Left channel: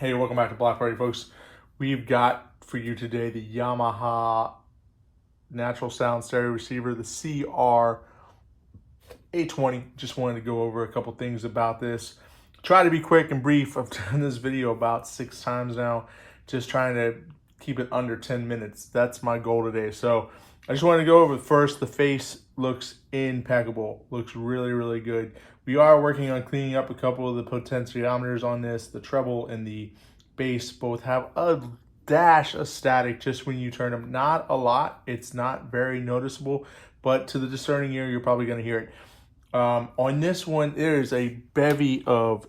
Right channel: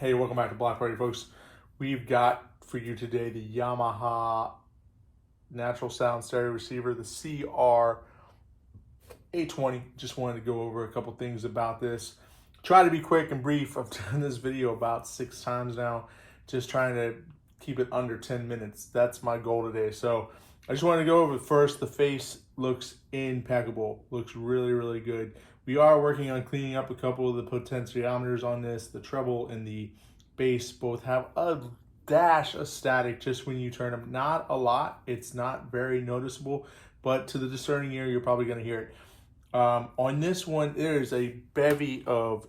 Hey, welcome back to Block Party, folks. We've got for you today the Yamaha Natural Sound Stereo Receiver, the CR-820. Just wanted to go over a couple things about this. Try to be quick and brief. I've done this video about 6 times now, just trying to keep it under 10 minutes. That's my goal today. So I just wanted to go over first. The face looks impeccable, looks really, really good. We are working on cleaning up a couple of the potentiometers on this. The treble and the bass both have a dash of static just when you turn them. Not a lot, it's not very noticeable, but to the discerning ear, you're probably gonna hear it. On this one, there's a bevy of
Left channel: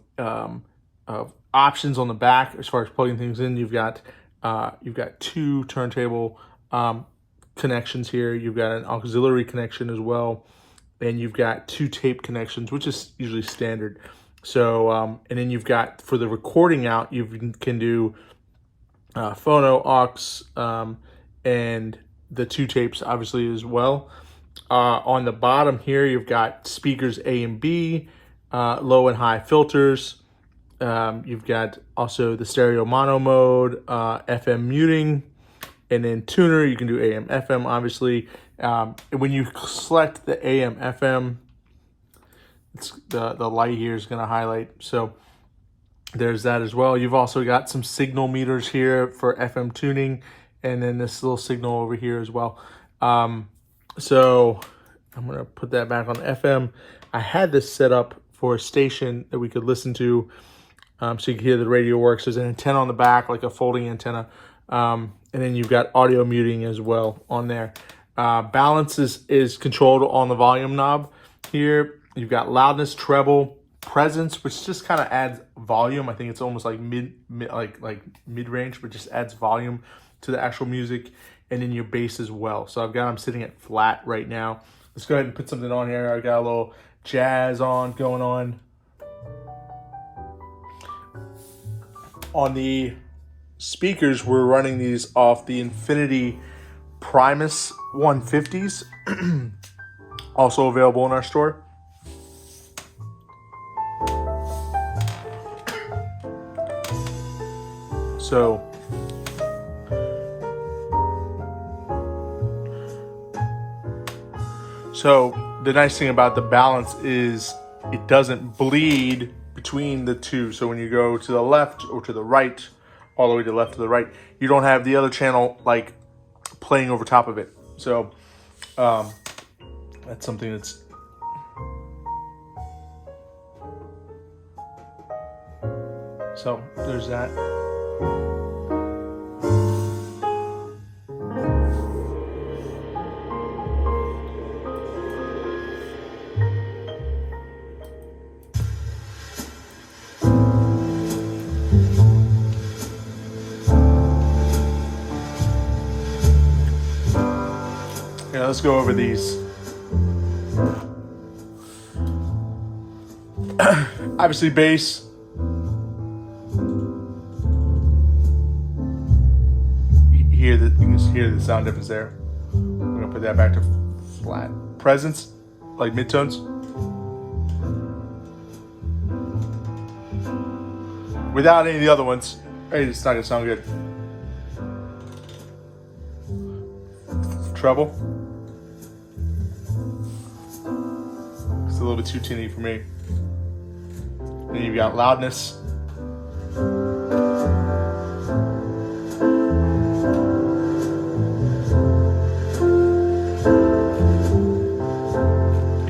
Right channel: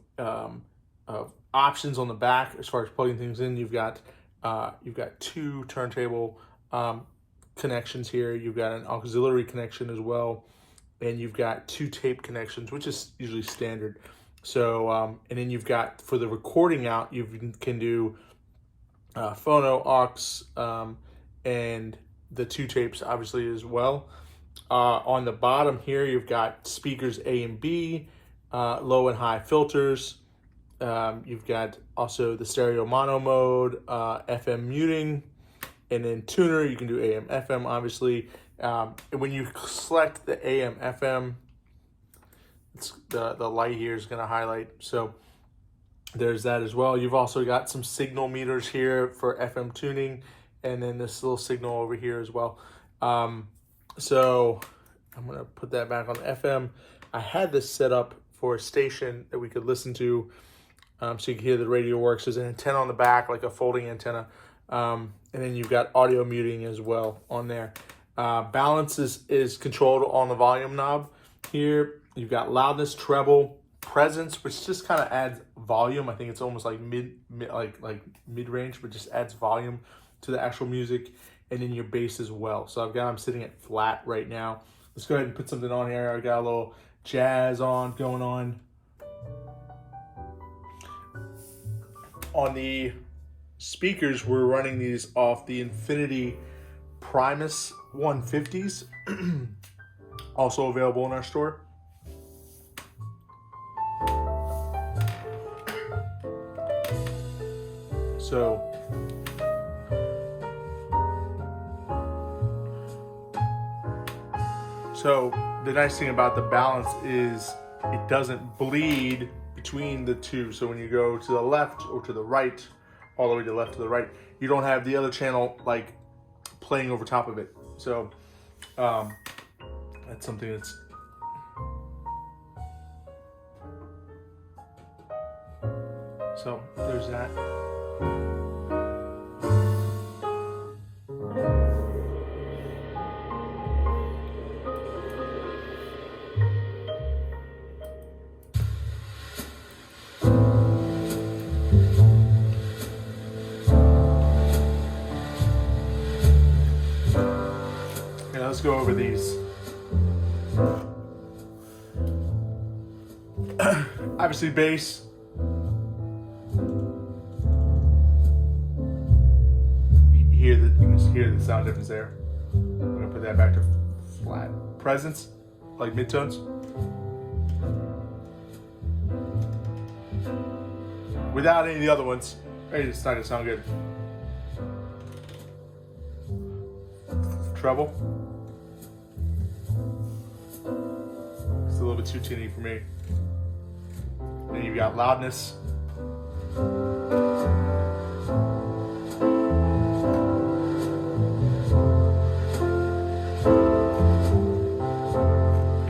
options on the back as far as plugging things in. You've got 2 turntable connections here. You've got an auxiliary connection as well, and you've got 2 tape connections, which is usually standard. So, and then you've got, for the recording out, you can do phono, aux, and the 2 tapes obviously as well. On the bottom here, you've got speakers A and B, low and high filters. You've got also the stereo mono mode, FM muting, and then tuner. You can do AM, FM, obviously. When you select the AM, FM, it's the light here is going to highlight. So there's that as well. You've also got some signal meters here for FM tuning, and then this little signal over here as well. So I'm going to put that back on FM. I had this set up for a station that we could listen to, so you can hear the radio works. There's an antenna on the back, like a folding antenna. And then you've got audio muting as well on there. Balance is controlled on the volume knob here. You've got loudness, treble, presence, which just kind of adds volume. I think it's almost like mid-range, but just adds volume to the actual music. And then your bass as well. So I'm sitting at flat right now. Let's go ahead and put something on here. I got a little jazz going on. On the speakers, we're running these off the Infinity Primus 150s, also available in our store. So the nice thing about the balance is it doesn't bleed between the two. So when you go to the left or to the right, all the way to the left to the right, you don't have the other channel like playing over top of it. So that's something that's so there's that. Let's go over these. Obviously bass. You can hear the sound difference there. I'm gonna put that back to flat. Presence, like midtones. Without any of the other ones, it's not gonna sound good. Treble. It's a little bit too tinny for me. Then you've got loudness.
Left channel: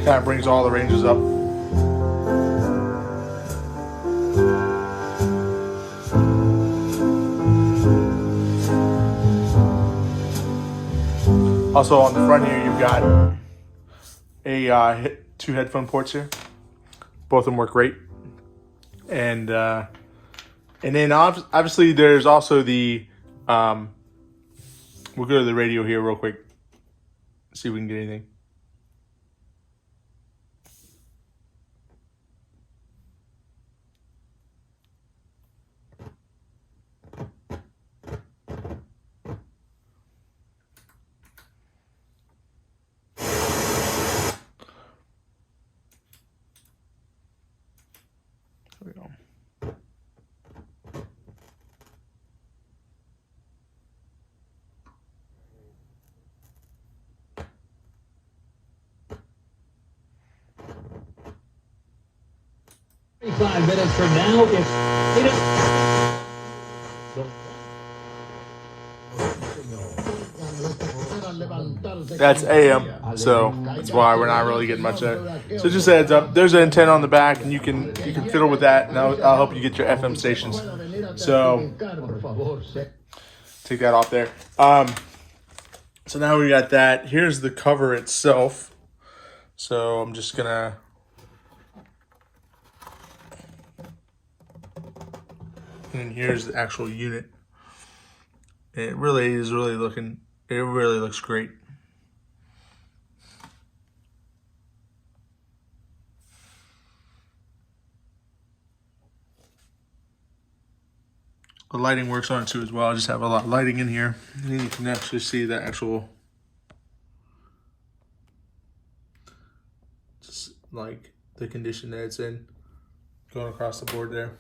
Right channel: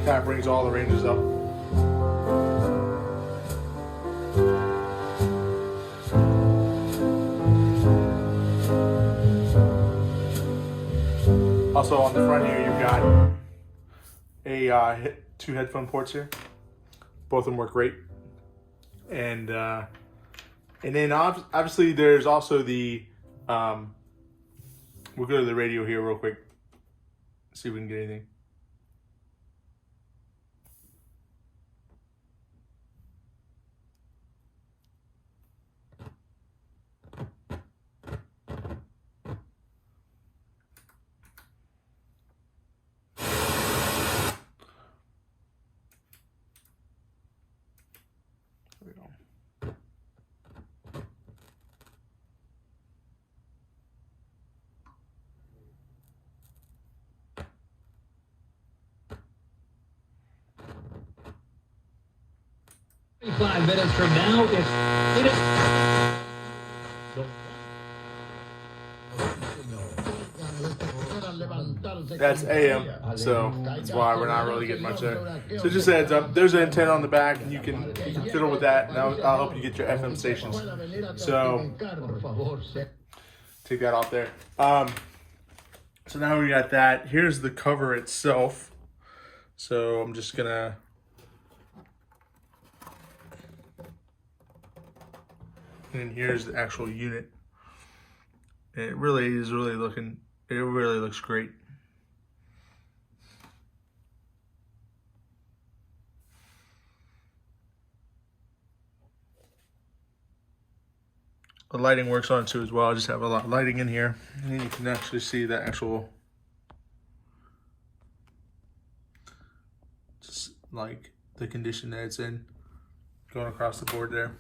Kind of brings all the ranges up. Also on the front here, you've got a 2 headphone ports here. Both of them work great. And then obviously there's also the, we'll go to the radio here real quick. See if we can get anything. There we go. 5 minutes from now, That's AM, so that's why we're not really getting much there. So just a heads up, there's an antenna on the back, and you can fiddle with that, and I'll help you get your FM stations. So take that off there. So now we got that. Here's the cover itself. So I'm just gonna and here's the actual unit. It really is really looking. It really looks great. The lighting works on it too as well. I just have a lot of lighting in here. And then you can actually see the actual, just like the condition that it's in, going across the board there.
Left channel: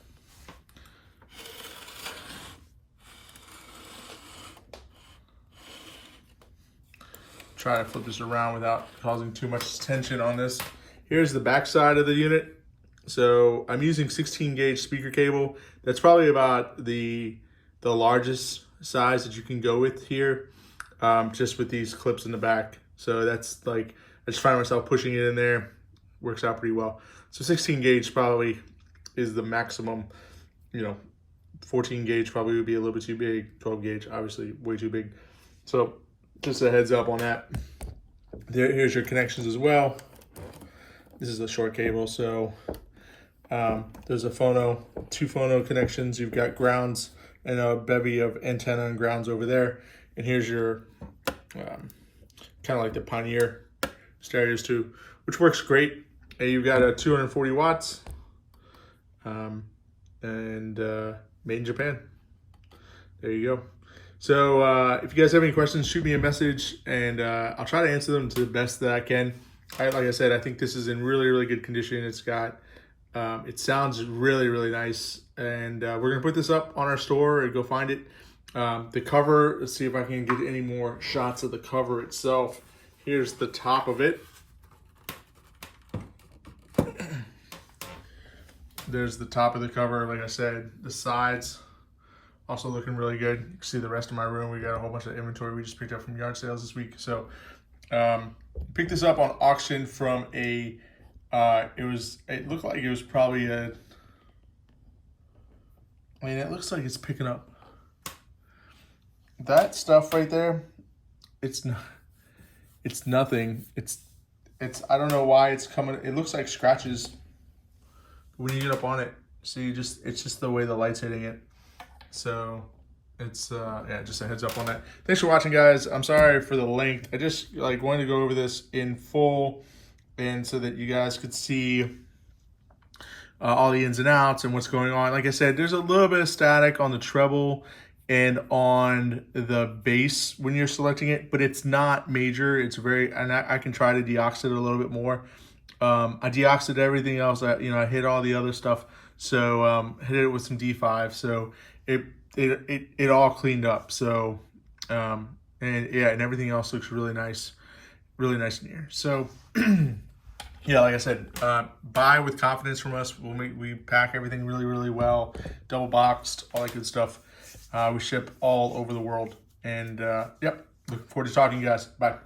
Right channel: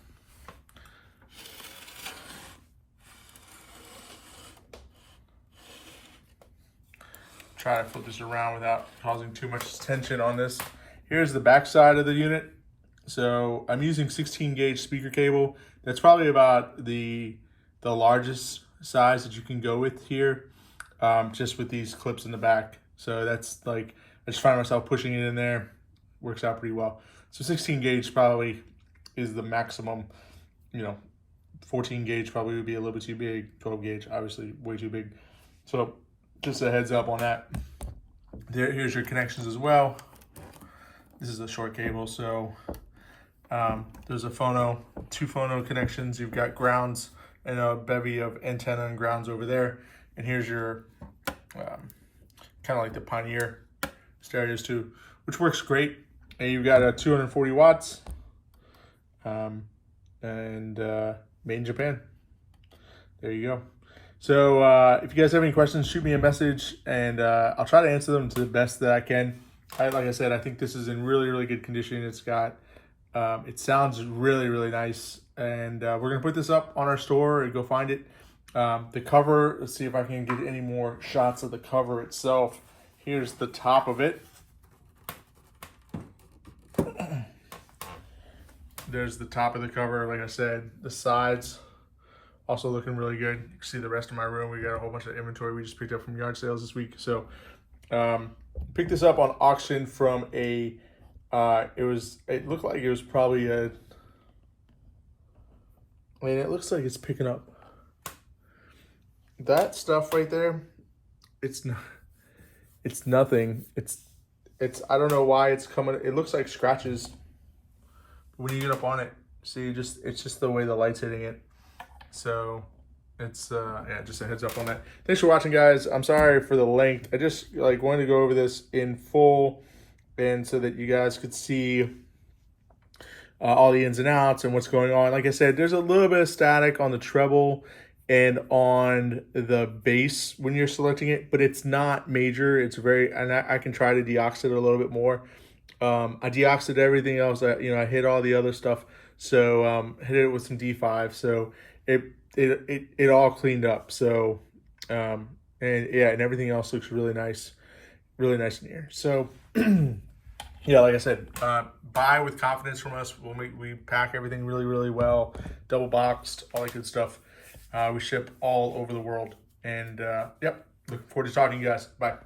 Try to flip this around without causing too much tension on this. Here's the back side of the unit. So I'm using 16 gauge speaker cable. That's probably about the largest size that you can go with here, just with these clips in the back. So that's like, I just find myself pushing it in there. Works out pretty well. So 16 gauge probably is the maximum. 14 gauge probably would be a little bit too big. 12 gauge, obviously way too big. So just a heads up on that. Here's your connections as well. This is a short cable, so there's a phono, 2 phono connections. You've got grounds and a bevy of antenna and grounds over there. And here's your kind of like the Pioneer stereos too, which works great. And you've got a 240 watts and made in Japan. There you go. So if you guys have any questions, shoot me a message, and I'll try to answer them to the best that I can. Like I said, I think this is in really, really good condition. It's got, it sounds really, really nice. And we're gonna put this up on our store and go find it. The cover, let's see if I can get any more shots of the cover itself. Here's the top of it. There's the top of the cover, like I said, the sides. Also looking really good. You can see the rest of my room. We got a whole bunch of inventory we just picked up from yard sales this week. So picked this up on auction from a, it looked like it was probably a, I mean, it looks like it's picking up. That stuff right there, it's nothing. It's, I don't know why it's coming. It looks like scratches. When you get up on it, see, it's just the way the light's hitting it. So it's yeah, just a heads up on that. Thanks for watching, guys. I'm sorry for the length. I just wanted to go over this in full, and so that you guys could see all the ins and outs and what's going on. Like I said, there's a little bit of static on the treble and on the bass when you're selecting it, but it's not major. It's very, and I can try to deox it a little bit more. I deoxed everything else. I hit all the other stuff. So hit it with some D5. So it all cleaned up. So and yeah, and everything else looks really nice in here. So yeah, like I said, buy with confidence from us. We pack everything really, really well, double boxed, all that good stuff. We ship all over the world. And yep, looking forward to talking to you guys. Bye.